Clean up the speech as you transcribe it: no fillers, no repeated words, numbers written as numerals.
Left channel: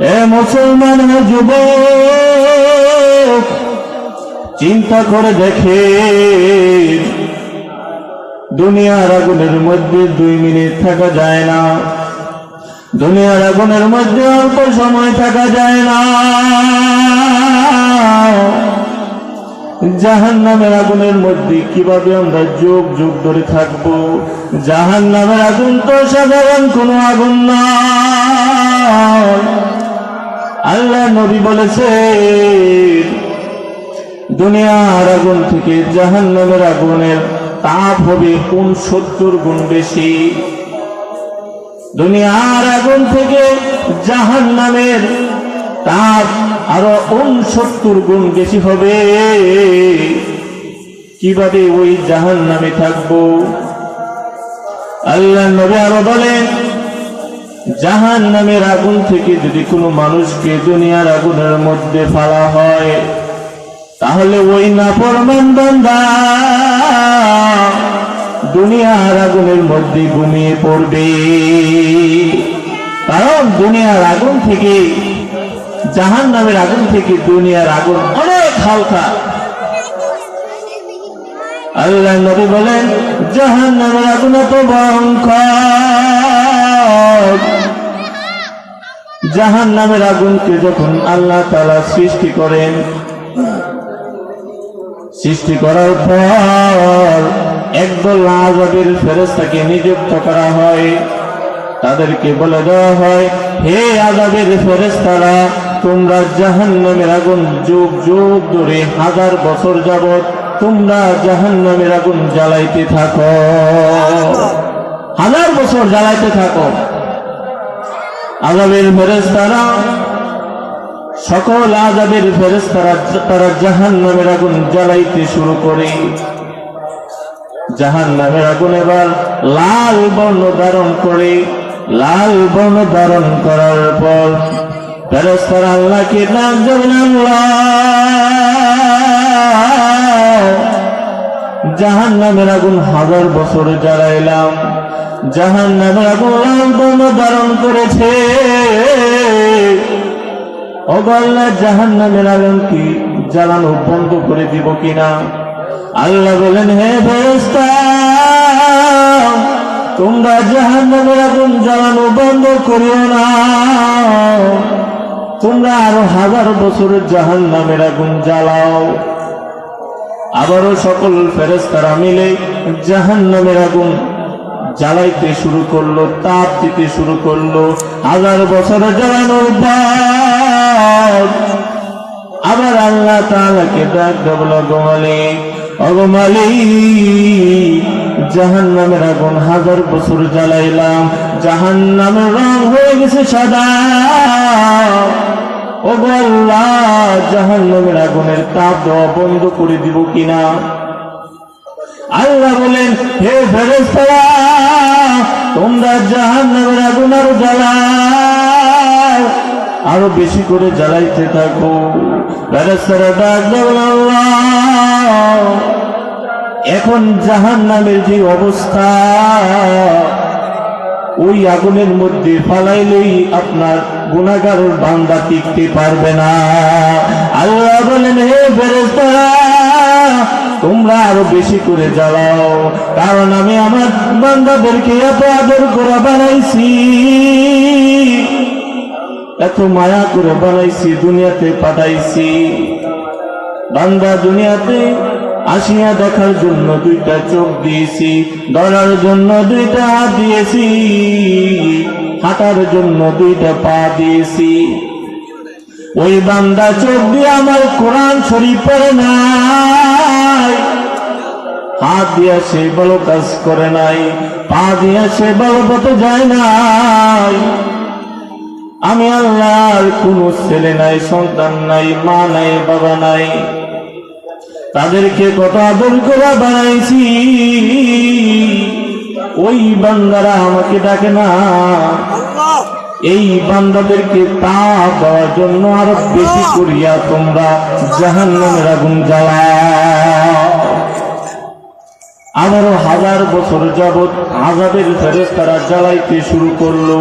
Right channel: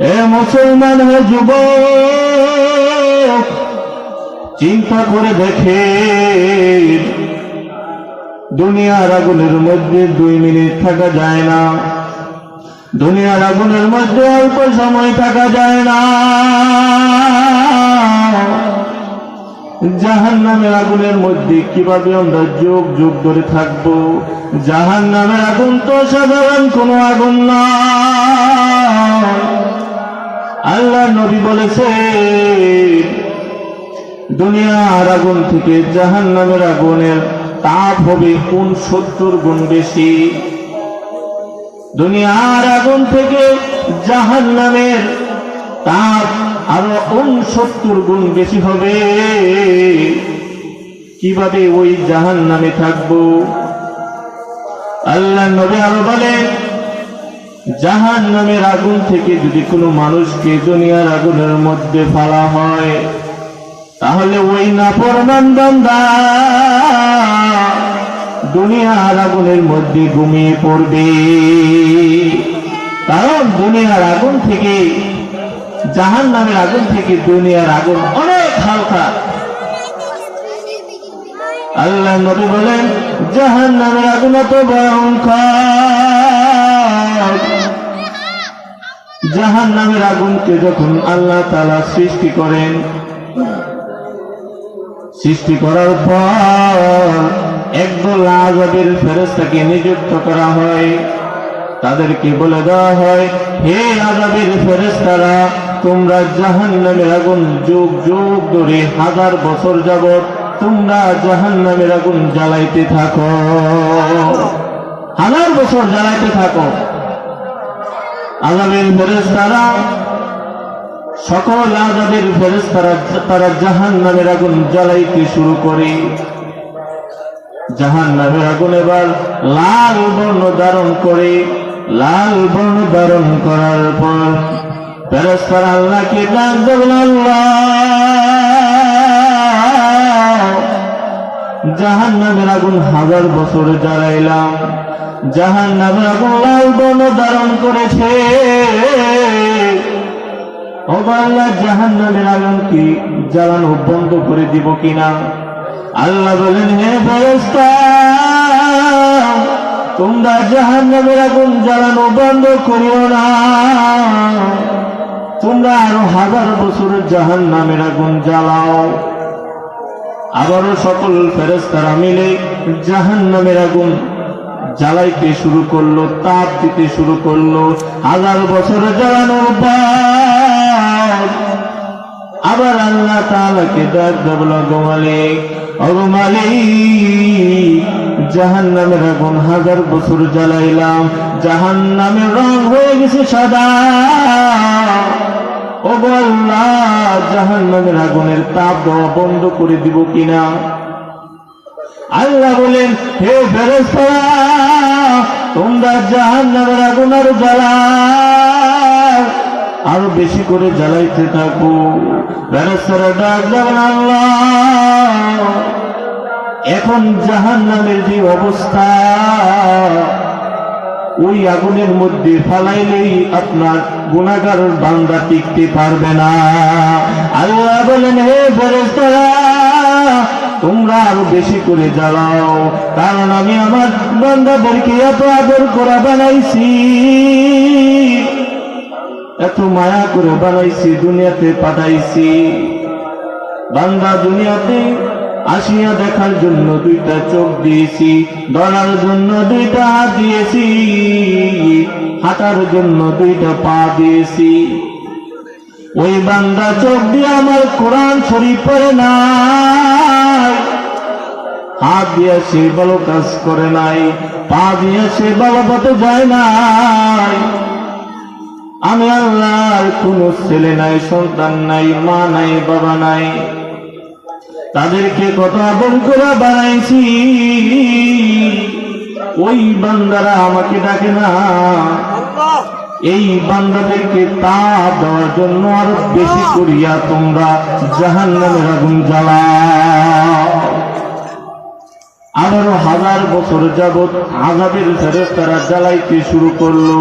এ মুসলমান হে যুবক, চিন্তা করে দেখে দুনিয়ার আগুনের মধ্যে 2 মিনিট থাকা যায় না। দুনিয়ার আগুনের মধ্যে অল্প সময় থাকা যায় না। জাহান্নামের আগুনের মধ্যে কিভাবে আমরা যুগ যুগ ধরে থাকবো? জাহান্নামের আগুন তো সাধারণ কোনো আগুন নয়। আল্লাহ নবী বলেছে, দুনিয়ার আগুন থেকে জাহান্নামের আগুনের তাপ হবে 69 গুণ বেশি। দুনিয়ার আগুন থেকে জাহান্নামের তাপ আরো 69 গুণ বেশি হবে। কিভাবে ওই জাহান্নামে থাকবো? আল্লাহ নবী আরো বলেন, জাহান্নামের আগুন থেকে যদি কোনো মানুষকে দুনিয়ার আগুনের মধ্যে ফেলা হয়, তাহলে ওই নাফরমান বান্দা দুনিয়ার আগুনের মধ্যে ঘুমিয়ে পড়বে। কারণ দুনিয়ার আগুন থেকে, জাহান্নামের আগুন থেকে দুনিয়ার আগুন অনেক হালকা। আল্লাহ নবী বলেন, জাহান্নামের আগুন এত ভয়ঙ্কর। জাহান্নামের আগুনকে যখন আল্লাহ তাআলা সৃষ্টি করেন, সৃষ্টি করার পর একদল আযাবের ফেরেশতাকে নিযুক্ত করা হয়। তাদেরকে বলে দেওয়া হয়, হে আযাবের ফেরেশতারা, তোমরা জাহান্নামের আগুন যুগ যুগ ধরে 1000 বছর যাবত তোমরা জাহান্নামের আগুন জ্বালাইতে থাকো। 1000 বছর জ্বালাইতে থাকো। আযাবের ফেরেশতারা, সকল আযাবের ফেরেশতারা তারা জাহান্নামের আগুন জ্বালাইতে শুরু করে। জাহান্নামের আগুন এবার লাল বর্ণ ধারণ করে। লাল বর্ণ ধারণ করার পর ফেরেশতারা আল্লাহকে ডাক দেবেন, আল্লাহ, জাহান্নামের আগুন 1000 বছর জ্বালাইলাম, জাহান্নামের আগুন লাল বর্ণ ধারণ করেছে। ও আল্লাহ, জাহান্নামের আগুন কি জ্বালানো বন্ধ করে দিব কিনা? আল্লাহ বলেন, হে ফেরেশতা, তোমরা জাহান্নামের আগুন জ্বালানো বন্ধ করিও না। তোমরা আরো 1000 বছর জাহান্নামের আগুন জ্বালাও। আবারও সকল ফেরেশতারা মিলে জাহান্নামের আগুন জ্বালাইতে শুরু করলো, তাপ দিতে শুরু করলো। 1000 বছর জ্বালানোর পর আবার আল্লাহ তাআলাকে ডাক দেবল, গো মালিক, ওগো মালিক, জাহান্নামের আগুন 1000 বছর জ্বালাইলাম, জাহান্নামের রং হয়ে গেছে সাদা। ওগো আল্লাহ, জাহান্নামের আগুনের তাপ দেওয়া বন্ধ করে দিব কিনা? আল্লাহ বলেন, হে ফেরেশতারা, তোমরা জাহান্নামের আগুন আরো জ্বালাও, আরো বেশি করে জ্বালাইতে থাকো। ফেরেশতারা ডাক দেবেন, আল্লাহ, এখন জাহান্নামের যে অবস্থা, ওই আগুনের মধ্যে ফালাইলেই আপনার গুনাহগার বান্দা টিকতে পারবে না। আল্লাহ বলেন, হে ফেরেশতারা, তোমরা আরো বেশি করে জ্বালাও, কারণ আমি আমার বান্দাদেরকে এত আদর করে বানাইছি, এত মায়া করে বানাইছি, দুনিয়াতে পাঠাইছি। বান্দা দুনিয়াতে আসিয়া দেখার জন্য 2টা চোখ দিয়েছি, ধরার জন্য 2টা হাত দিয়েছি, হাঁটার জন্য 2টা পা দিয়েছি। ওই বান্দা চোখ দিয়ে আমার কোরআন শরীফ পড়ে নাই, হাত দিয়ে সে ভালো কাজ করে নাই, পা দিয়ে সে ভালো পথে যায় নাই। আমি আল্লাহর কোন ছেলে নাই, সন্তান নাই, মা নাই, বাবা নাই, তাদেরকে কত আদর করে বানাইছি। ওই বান্দারা আমাকে ডাকে না, এই বান্দাদেরকে তাপ দেওয়ার জন্য আরো বেশি করিয়া তোমরা জাহান্নামের আগুন জ্বালাও। আবারও 1000 বছর যাবৎ আযাবের ফেরেশতারা জ্বালাইতে শুরু করলো।